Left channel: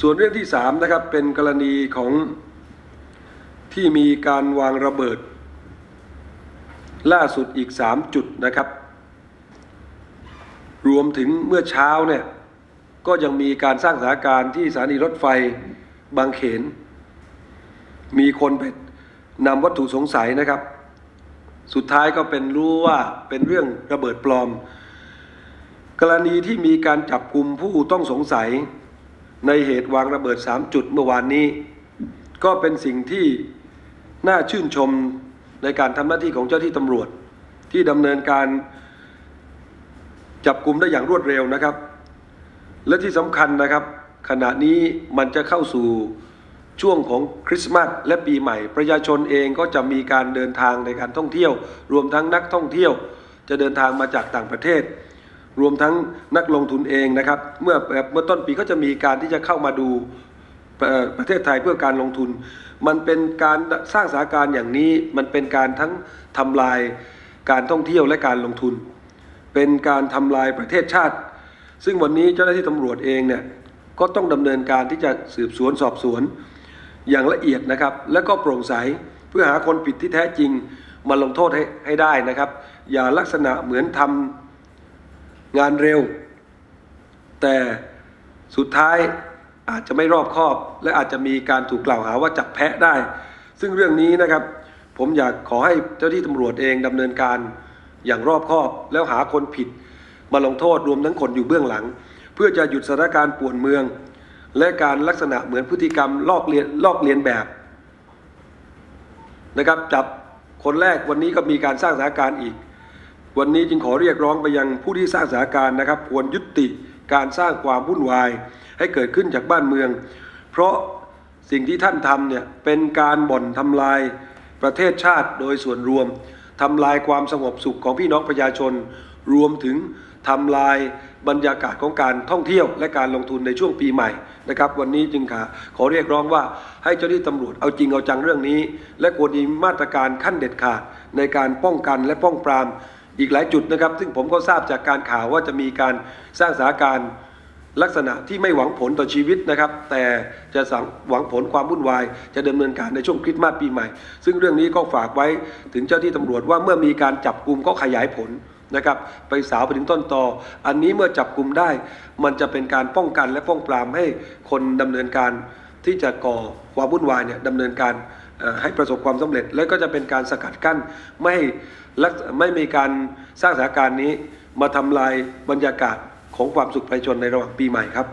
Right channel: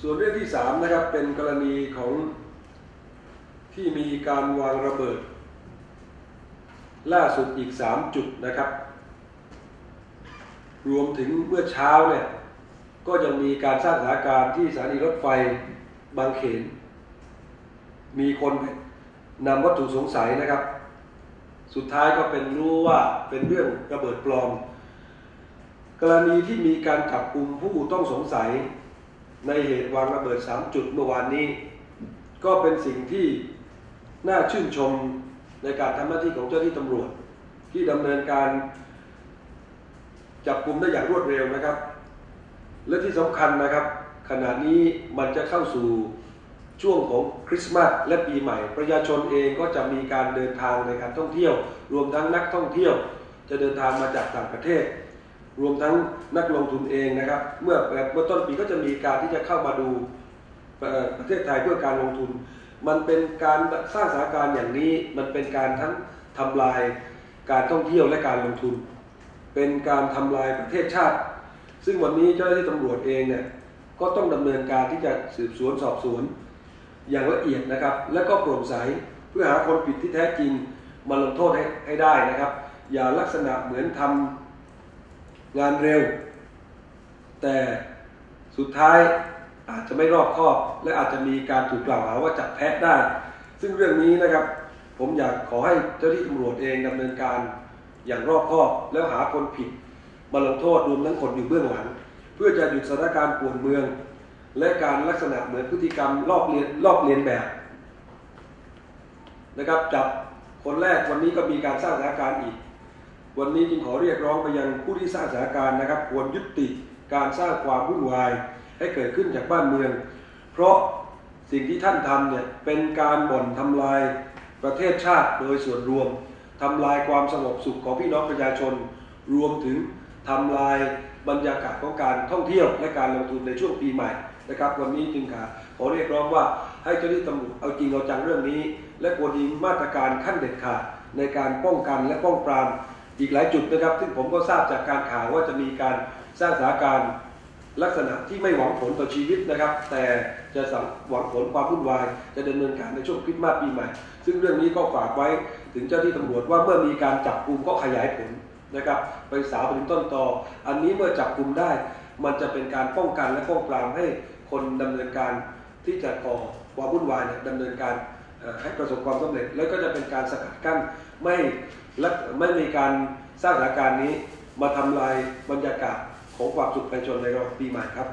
ส่วนเรื่องที่สามนะครับเป็นกรณีของที่มีการวางระเบิด ล่าสุดอีกสามจุดนะครับ รวมถึงเมื่อเช้าเนี่ยก็ยังมีการสร้างสถานการณ์ที่สถานีรถไฟบางเขน มีคนไปนำวัตถุสงสัยนะครับ สุดท้ายก็เป็นรู้ว่าเป็นเรื่องระเบิดปลอม กรณีที่มีการจับกลุ่มผู้ต้องสงสัย ในเหตุวางระเบิด 3 จุดเมื่อวานนี้ ก็เป็นสิ่งที่น่าชื่นชมในการทำหน้าที่ของเจ้าที่ตำรวจ ที่ดำเนินการจับกลุ่มได้อย่างรวดเร็วนะครับ และที่สำคัญนะครับ ขณะนี้มันจะเข้าสู่ช่วงของคริสต์มาสและปีใหม่ ประชาชนเองก็จะมีการเดินทางในการท่องเที่ยว รวมทั้งนักท่องเที่ยว จะเดินทางมาจากต่างประเทศ รวมทั้งนักลงทุนเองนะครับ เมื่อเมื่อต้นปีก็จะมีการที่จะเข้ามาดูประเทศไทยเพื่อการลงทุน มันเป็นการสร้างสถานการณ์อย่างนี้ มันเป็นการทั้งทำลายการท่องเที่ยวและการลงทุน เป็นการทำลายประเทศชาติ ซึ่งวันนี้เจ้าหน้าที่ตำรวจเองเนี่ยก็ต้องดำเนินการที่จะสืบสวนสอบสวนอย่างละเอียดนะครับ และก็โปร่งใสเพื่อหาคนผิดที่แท้จริงมาลงโทษให้ให้ได้นะครับ อย่าลักษณะเหมือนทำ งานเร็ว แต่สุดท้ายอาจจะไม่รอบคอบ และอาจจะมีการถูกกล่าวหาว่าจับแพะได้ ซึ่งเรื่องนี้นะครับ ผมอยากขอให้เจ้าที่ตำรวจเองดำเนินการอย่างรอบคอบแล้วหาคนผิด มาลงโทษรวมทั้งคนอยู่เบื้องหลัง เพื่อจะหยุดสถานการณ์ป่วนเมือง และการลักษณะเหมือนพฤติกรรมลอกเลียนลอกเลียนแบบนะครับจับคนแรกวันนี้ก็มีการสร้างสถานการณ์อีก วันนี้จึงขอเรียกร้องไปยังผู้ที่สร้างสถานการณ์นะครับ ควรยุติการสร้างความวุ่นวาย ให้เกิดขึ้นจากบ้านเมือง เพราะสิ่งที่ท่านทำเนี่ยเป็นการบ่อนทำลายประเทศชาติโดยส่วนรวมทำลายความสงบสุขของพี่น้องประชาชน รวมถึงทำลายบรรยากาศของการท่องเที่ยวและการลงทุนในช่วงปีใหม่นะครับวันนี้จึงขอขอเรียกร้องว่าให้เจ้าหน้าที่ตำรวจเอาจริงเอาจังเรื่องนี้ และควรมีมาตรการขั้นเด็ดขาดในการป้องกันและป้องปราม อีกหลายจุดนะครับ ซึ่งผมก็ทราบจากการข่าวว่าจะมีการสร้างสถานการณ์ลักษณะที่ไม่หวังผลต่อชีวิตนะครับ แต่จะสังหวังผลความวุ่นวาย จะดำเนินการในช่วงคริสต์มาสปีใหม่ ซึ่งเรื่องนี้ก็ฝากไว้ถึงเจ้าที่ตำรวจว่าเมื่อมีการจับกลุ่มก็ขยายผลนะครับ ไปสาวไปถึงต้นตอ อันนี้เมื่อจับกลุ่มได้ มันจะเป็นการป้องกันและป้องปรามให้คนดำเนินการที่จะก่อความวุ่นวายเนี่ยดำเนินการ ให้ประสบความสำเร็จ และก็จะเป็นการสกัดกั้นไม่ให้ลักไม่มีการสร้างสถานการณ์นี้มาทำลายบรรยากาศของความสุขประชาชนในระหว่างปีใหม่ครับ